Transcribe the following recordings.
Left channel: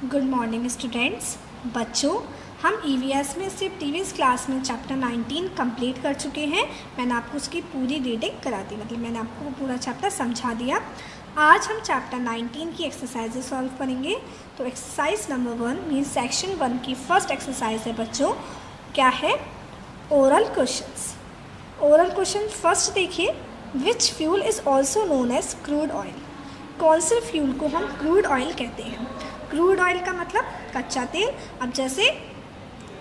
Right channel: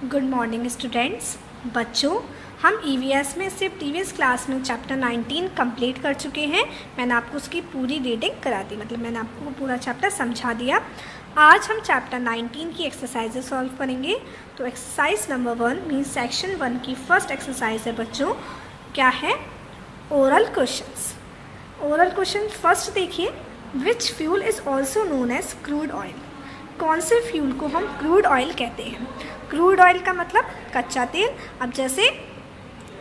Good morning students. बच्चों, हम EVS में से प्रीवियस क्लास में चैप्टर 19 कंप्लीट कर चुके हैं। मैंने आपको उसकी पूरी रीडिंग करा दी, मतलब मैंने आपको पूरा चैप्टर समझा दिया। आज हम चैप्टर 19 की एक्सरसाइजेज सॉल्व करेंगे। तो एक्सरसाइज नंबर 1 मीन सेक्शन 1 की फर्स्ट एक्सरसाइज है बच्चों, क्या है? Oral questions. Oral question first देखिए, which fuel is also known as crude oil. कौन से फ्यूल को हम क्रूड ऑयल कहते हैं? क्रूड ऑयल का मतलब कच्चा तेल। अब जैसे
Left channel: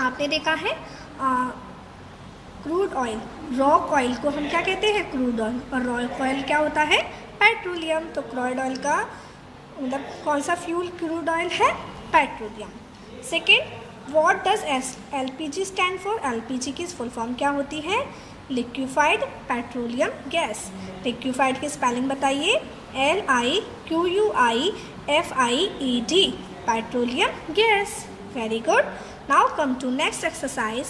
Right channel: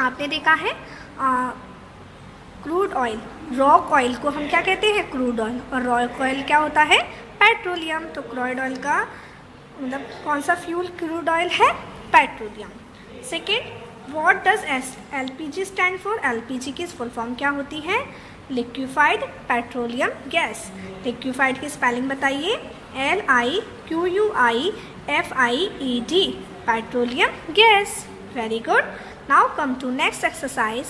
आपने देखा है क्रूड ऑयल, रॉक ऑयल को हम क्या कहते हैं? Crude oil. और रॉक ऑयल क्या होता है? पेट्रोलियम। तो क्रूड ऑयल का मतलब कौन सा फ्यूल क्रूड ऑयल है? Petroleum. Second, what does LPG stand for? LPG की फुल फॉर्म क्या होती है? Liquefied petroleum gas. लिक्विफाइड की स्पेलिंग बताइए। LIQUIFIED, petroleum gas. Very good. Now come to next exercise.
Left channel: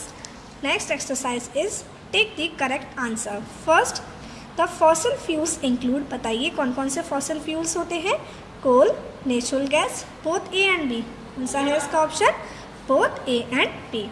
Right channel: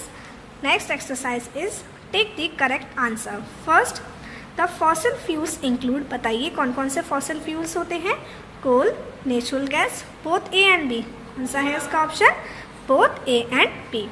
Next exercise is take the correct answer. First, the fossil fuels include. बताइए कौन कौन से फॉसिल फ्यूल्स होते हैं? Coal, natural gas, both A and B. कौन सा है इसका option? Both A and B.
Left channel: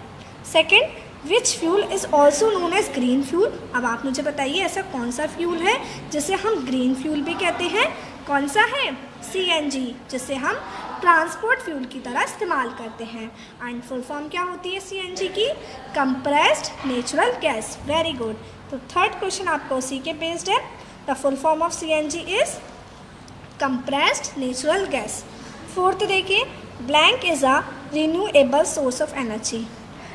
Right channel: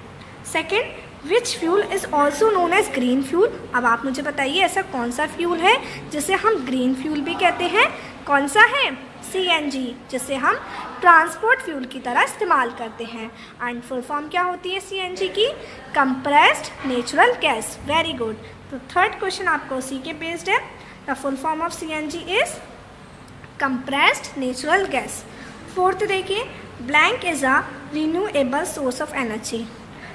Second, which fuel is also known as green fuel. अब आप मुझे बताइए ऐसा कौन सा फ्यूल है जिसे हम ग्रीन फ्यूल भी कहते हैं? कौन सा है? CNG, जिसे हम ट्रांसपोर्ट फ्यूल की तरह इस्तेमाल करते हैं। एंड फुल फॉर्म क्या होती है CNG की? Compressed natural gas. Very good. तो थर्ड क्वेश्चन आपका उसी के बेस्ड है। The full form of CNG is compressed natural gas. Fourth देखिए, blank is a renewable source of energy.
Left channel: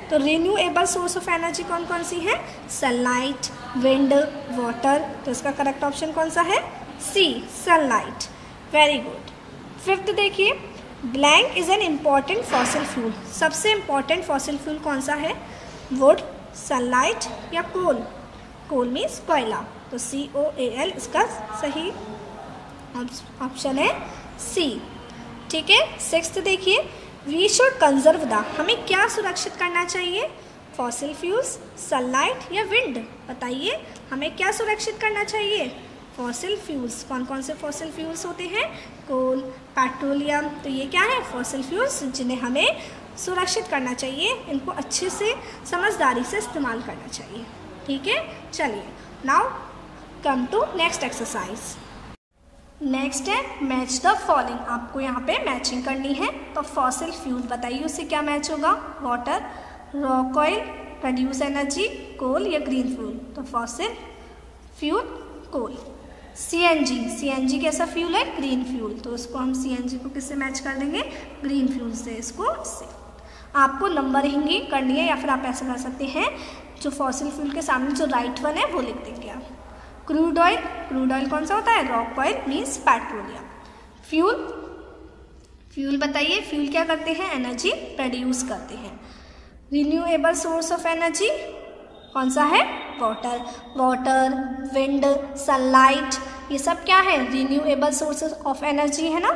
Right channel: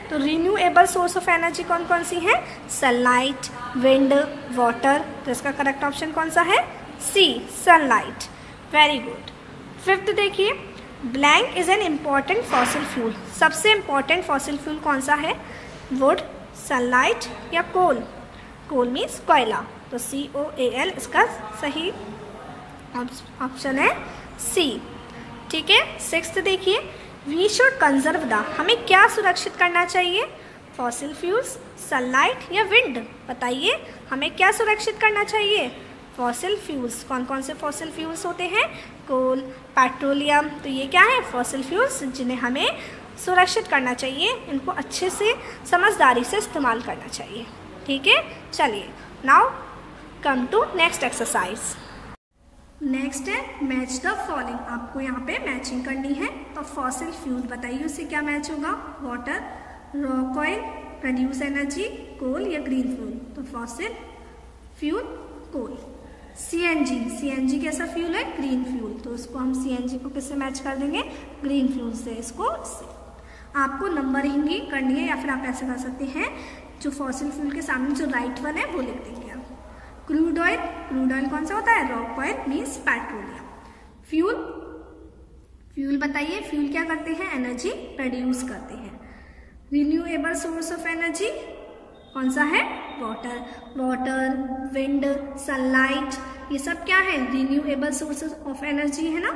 तो रिन्यूएबल सोर्स ऑफ एनर्जी कौन कौन सी है? Sunlight, wind, water. तो इसका करेक्ट ऑप्शन कौन सा है? C, sunlight. Very good. Fifth देखिए, blank is an important fossil fuel. सबसे इम्पॉर्टेंट फॉसिल फ्यूल कौन सा है? वुड, सनलाइट या कोल? कोल मीन्स कोयला। तो COAL इसका सही ऑप्शन है C। ठीक है। सिक्स्थ देखिए, वी शुड कंजर्व द। हमें क्या सुरक्षित करना चाहिए? फॉसिल फ्यूल्स, सनलाइट या विंड? बताइए हमें क्या सुरक्षित करना चाहिए? Fossil fuels. कौन कौन से फॉसिल फ्यूल्स होते हैं? कोल, पेट्रोलियम। तो ये क्या है? फॉसिल फ्यूल्स जिन्हें हमें सुरक्षित करना चाहिए। इनको अच्छे से समझदारी से इस्तेमाल करना चाहिए। ठीक है, चलिए now come to next exercise. Next है मैच द फॉलोइंग। आपको यहाँ पे मैचिंग करनी है। तो फॉसिल फ्यूल बताइए उससे क्या मैच होगा? Water, rock oil, produce energy, coal या ग्रीन फ्यूल? तो फॉसिल फ्यूल कोल। CNG कैसा फ्यूल है? Green fuel. तो उसको हम CNG को किससे मैच कर देंगे? ग्रीन फ्यूल से। इसको इससे आपको नंबरिंग करनी है या फिर आप ऐसे कर सकते हैं, जो फॉसिल फ्यूल के सामने जो राइट वन है वो लिख देंगे आप। क्रूड ऑयल, क्रूड ऑयल कौन सा होता है? Rock oil means petroleum. Fuel, fuel बताइए फ्यूल क्या करते हैं? एनर्जी प्रोड्यूस करते हैं। रिन्यूएबल सोर्स ऑफ एनर्जी कौन सा है? वाटर। वाटर, विंड, सनलाइट, ये सब क्या है? रिन्यूएबल सोर्सेज ऑफ एनर्जी है ना।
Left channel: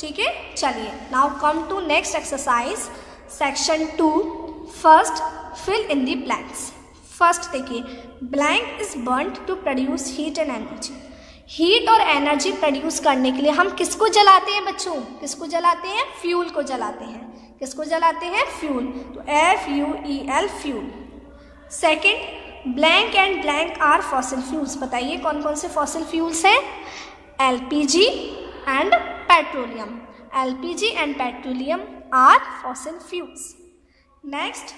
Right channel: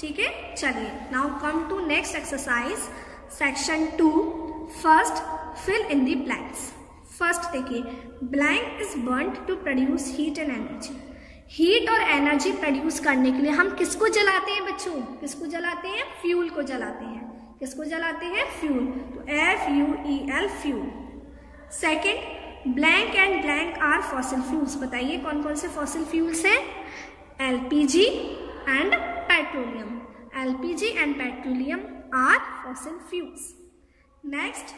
ठीक है, चलिए now come to next exercise section 2। First, fill in the blanks. First देखिए, blank is burnt to produce heat and energy. Heat और एनर्जी प्रोड्यूस करने के लिए हम किसको जलाते हैं बच्चों? किसको जलाते हैं? फ्यूल को जलाते हैं। किसको जलाते हैं? फ्यूल। तो FUEL fuel. Second, blank and blank are fossil fuels. बताइए कौन कौन से फॉसिल फ्यूल्स हैं? LPG and petroleum. LPG and petroleum are fossil fuels. Next,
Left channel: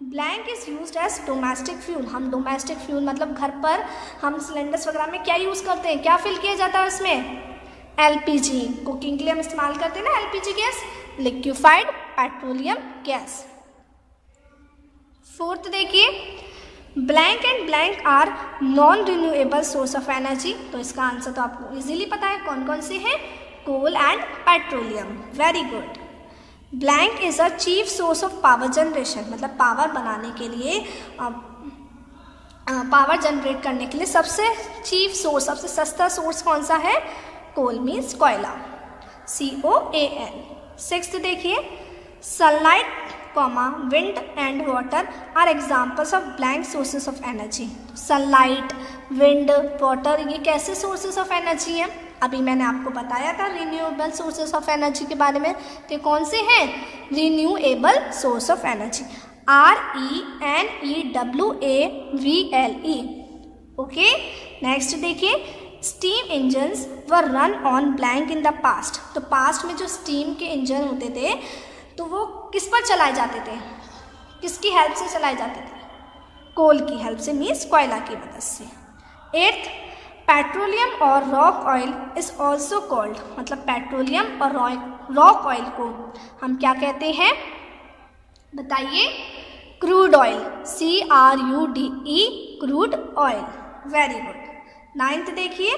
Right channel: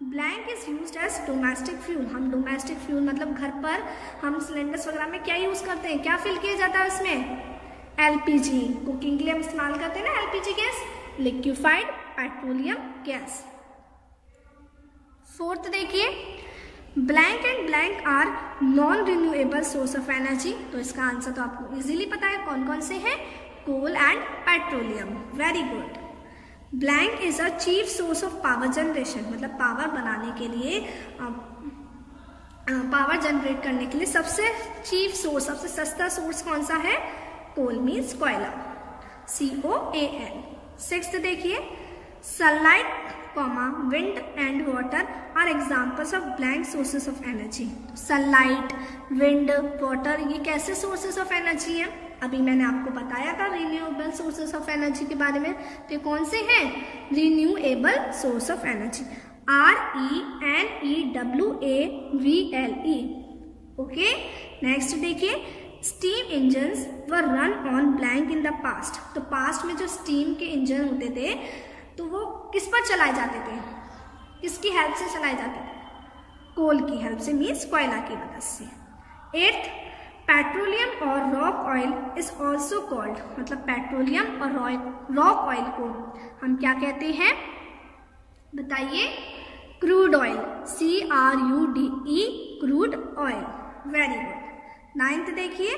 blank is used as domestic fuel. हम डोमेस्टिक फ्यूल मतलब घर पर हम सिलेंडर्स वगैरह में क्या यूज़ करते हैं? क्या फिल किया जाता है उसमें? LPG। कुकिंग के लिए हम इस्तेमाल करते हैं ना LPG gas, liquefied petroleum gas. Fourth देखिए, blank and blank are non renewable source of energy. तो इसका आंसर तो आपको इजीली पता है कौन कौन से हैं? Coal and petroleum. Very good. Blank is a chief source of power generation. मतलब पावर बनाने के लिए, पावर जनरेट करने के लिए सबसे चीफ सोर्स, सबसे सस्ता सोर्स कौन सा है? कोल मीन्स कोयला, COAL। सिक्स्थ देखिए, sunlight, wind and water are examples of blank sources of energy. Sunlight, wind, water ये कैसे सोर्सेस ऑफ एनर्जी हैं? अभी मैंने आपको बताया था रिन्यूएबल सोर्सेस ऑफ एनर्जी के बारे में। तो कौन से हैं? Renewable source of energy, RENEWABLE। Okay, next देखिए, steam engines were run on blank in the past. तो पास्ट में जो स्टीम के इंजन होते थे तो वो किस पर चलाए जाते थे? किसकी हेल्प से चलाए जाते थे? कोल की हेल्प से, मीन्स कोयला की मदद से। 8th, पेट्रोलियम और rock oil is also called, मतलब पेट्रोलियम और रॉक ऑयल को हम क्या कहते हैं? बताइए। Crude oil, CRUDE, crude oil. Very good. 9th देखिए,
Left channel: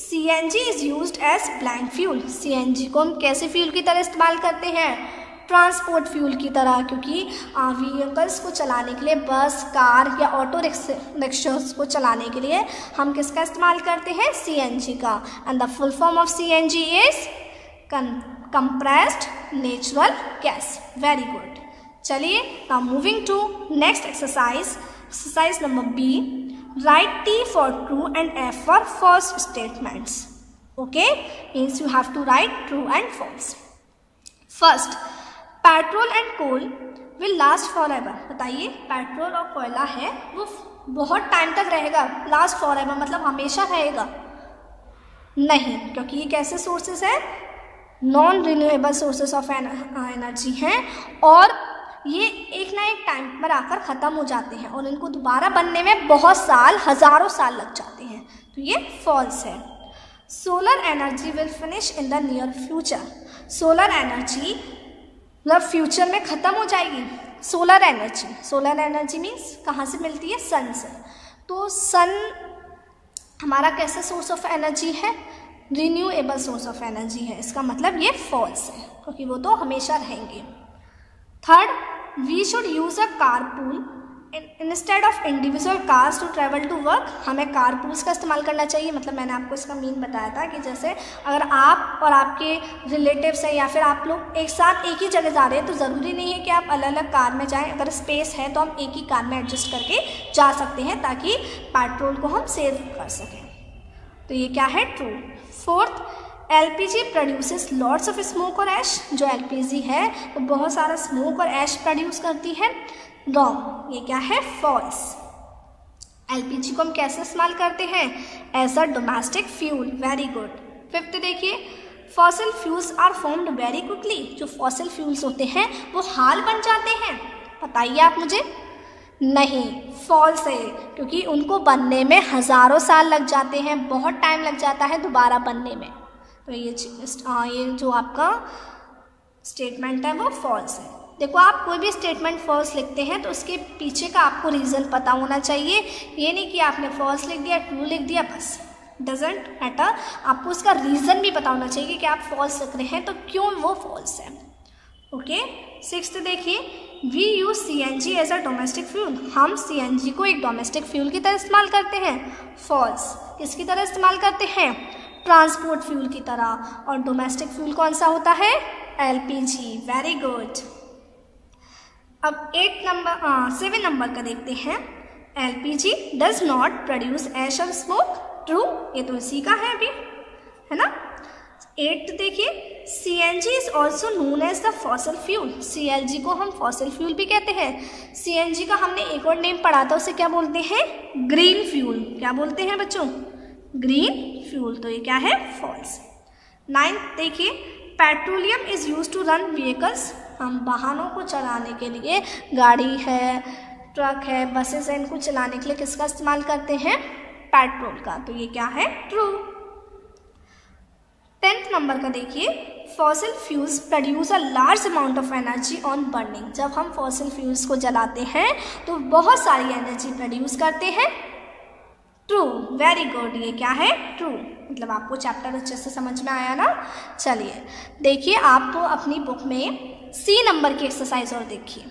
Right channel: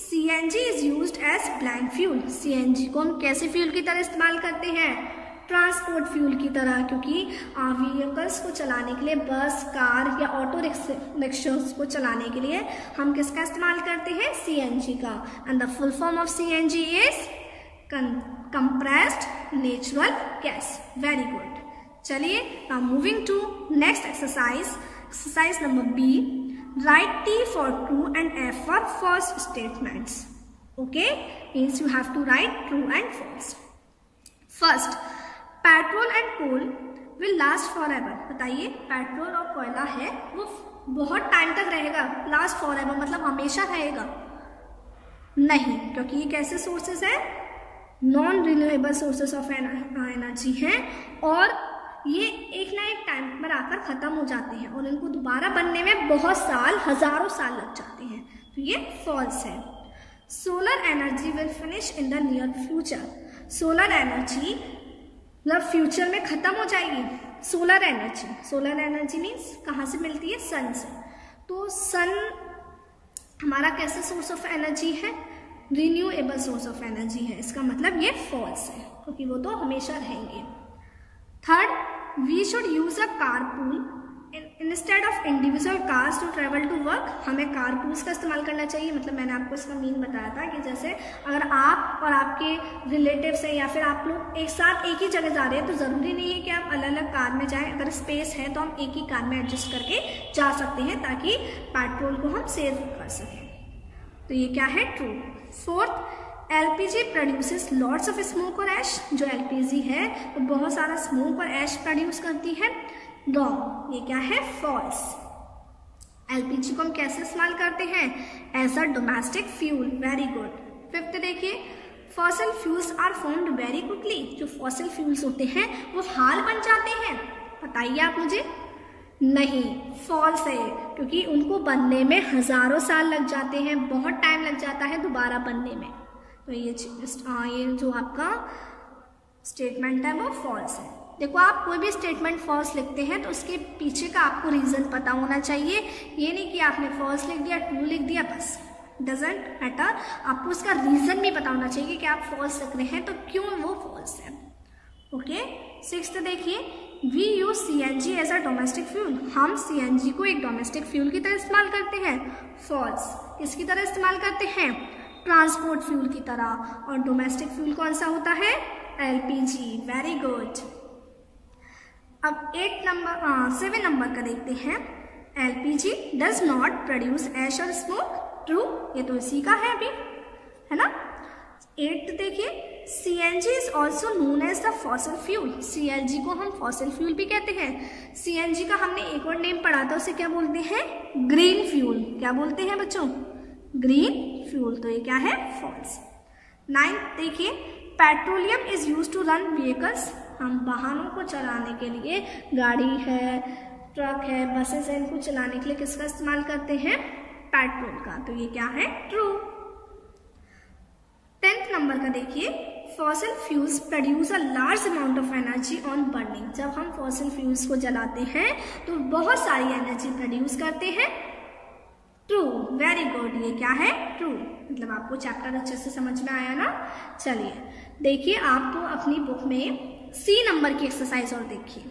CNG is used as blank fuel. CNG को हम कैसे फ्यूल की तरह इस्तेमाल करते हैं? ट्रांसपोर्ट फ्यूल की तरह, क्योंकि व्हीकल्स को चलाने के लिए, बस, कार या ऑटो रिक्शास को चलाने के लिए हम किसका इस्तेमाल करते हैं? CNG का। And the full form of CNG is compressed natural gas. Very good. चलिए, now moving to next exercise number B। Write T for true and F for false statements. Okay, means you have to write true and false. First, petrol and coal will last forever. बताइए, petrol और कोयला है वो बहुत time तक रहेगा। Last forever मतलब हमेशा रहेगा? नहीं, क्योंकि ये कैसे सोर्सेस है? Non renewable sources of energy हैं और ये एक ना एक टाइम पर आकर ख़त्म हो जाते हैं और इनको दोबारा बनने में बहुत साल, हज़ारों साल लग जाते हैं। तो ये फॉल्स है। Solar energy will finish in the near future. Solar energy मतलब फ्यूचर में ख़त्म हो जाएगी। सोलर एनर्जी मीन्स कहाँ से मिलती है? सन से। तो सन हमारा कैसे सोर्स ऑफ एनर्जी है? रिन्यूएबल सोर्स ऑफ एनर्जी है। इसका मतलब ये फॉल्स है, क्योंकि वो तो हमेशा रहेंगे। Third, we should use a carpool instead of individual cars to travel to work. हमें कारपूल्स का इस्तेमाल करना चाहिए। मतलब मैंने आपको इसका मीन बताया था कि जैसे अगर आप और आपके रिलेटिव्स हैं या फिर आप लोग एक साथ एक ही जगह जा रहे हैं तो ज़रूरी नहीं है कि आप अलग अलग कार में जाएं। अगर स्पेस है तो हम एक ही कार में एडजस्ट करके जा सकते हैं ताकि पेट्रोल को हम सेव कर सकें। तो ये क्या है? True. Fourth, LPG produces lots of smoke और ऐश। जो LPG है वो बहुत सारा स्मोक और ऐश प्रोड्यूस करती है। रॉन्ग। ये क्या है? फॉल्स। LPG को हम कैसे इस्तेमाल करते हैं? As a domestic fuel. Very good. Fifth देखिए, fossil fuels are formed very quickly. जो फॉसिल फ्यूल्स होते हैं वो हाल बन जाते हैं। बताइए आप मुझे। नहीं, फॉल्स है, क्योंकि उनको बनने में हज़ारों साल लग जाते हैं, बहुत टाइम लग जाता है दोबारा बनने में। तो ये जो आपका स्टेटमेंट है वो फॉल्स है। देखो, आप कोई भी स्टेटमेंट फॉल्स लिखते हैं तो उसके पीछे का आपको रीज़न पता होना चाहिए। ये नहीं कि आपने फॉल्स लिख दिया, ट्रू लिख दिया, बस। डजेंट मैटर, आपको उसका रीज़न भी पता होना चाहिए कि आप फॉल्स लिख रहे हैं तो क्यों वो फॉल्स है। ओके। सिक्स्थ देखिए, we use CNG as a domestic fuel. हम CNG को एक डोमेस्टिक फ्यूल की तरह इस्तेमाल करते हैं। फॉल्स। किसकी तरह इस्तेमाल करते हैं? ट्रांसपोर्ट फ्यूल की तरह। और डोमेस्टिक फ्यूल कौन सा होता है? LPG। Very good. अब 7 नंबर का देखते हैं। LPG डज नॉट प्रोड्यूस ऐश और स्मोक। ट्रू। ये तो इसी का है अभी, है ना। 8 देखिए, CNG is also known as the fossil fuel. CNG को हम फॉसिल फ्यूल भी कहते हैं। CNG का हमने एक और नेम पढ़ा था, उसे क्या बोलते हैं? Green fuel. क्या बोलते हैं बच्चों? Green fuel. तो ये क्या है? फॉल्स। 9 देखिए, petroleum is use to run vehicles. हम वाहनों को चलाने के लिए, गाड़ी है, ट्रक है, बसेस है, इनको चलाने के लिए किसका इस्तेमाल करते हैं? पेट्रोल का। तो ये क्या है? ट्रू। 10th नंबर का देखिए, fossil fuels produce a large amount of energy on burning. जब हम फॉसिल फ्यूल्स को जलाते हैं तो बहुत सारी एनर्जी प्रोड्यूस करते हैं। ट्रू। Very good. ये क्या है? ट्रू। मतलब आपको चैप्टर अच्छे से समझ में आया ना। चलिए देखिए, आप तो अपनी बुक में C नंबर की एक्सरसाइज और देखिए।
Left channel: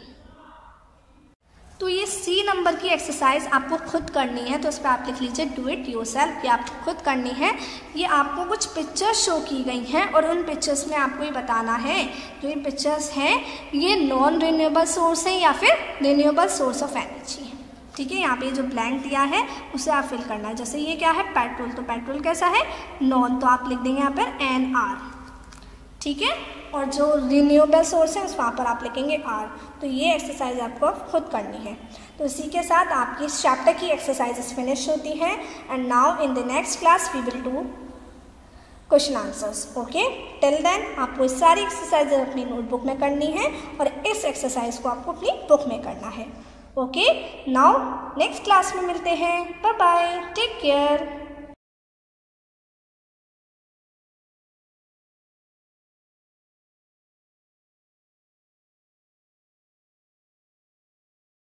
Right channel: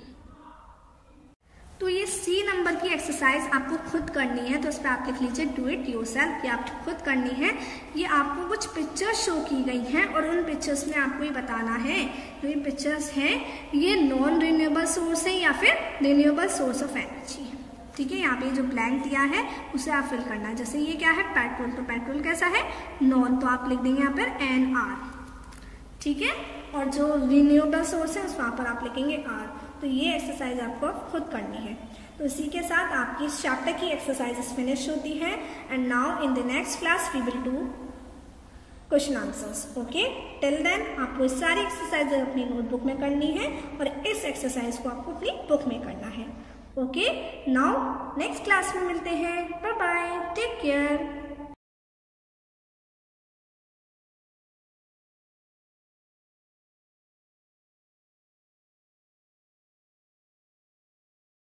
तो ये C नंबर की एक्सरसाइज आपको खुद करनी है, तो इस पर आप लिख लीजिए डू इट योरसेल्फ। ये आपको खुद करनी है। ये आपको कुछ पिक्चर्स शो की गई हैं और उन पिक्चर्स में आपको ये बताना है जो ये पिक्चर्स हैं ये नॉन रिन्यूएबल सोर्स है या फिर रिन्यूएबल सोर्स ऑफ एनर्जी है। ठीक है, यहाँ पे जो ब्लैंक दिया है उसे आप फिल करना है। जैसे ये क्या है, पेट्रोल, तो पेट्रोल कैसा है, नॉन, तो आप लिख देंगे यहाँ पर NR, ठीक है। और जो रिन्यूएबल सोर्स है उस वहाँ पर आप लिखेंगे R। तो ये एक्सरसाइज आपको खुद करनी है। तो इसी के साथ आपकी इस चैप्टर की एक्सरसाइजेस फिनिश होती हैं। And now in the next class we will do question answers. Okay, till then आपको इस सारी एक्सरसाइज अपनी नोटबुक में करनी है और इस एक्सरसाइज को आपको अपनी बुक में करना है। ओके, नाउ नेक्स्ट क्लास में मिलते हैं। Bye bye, take care.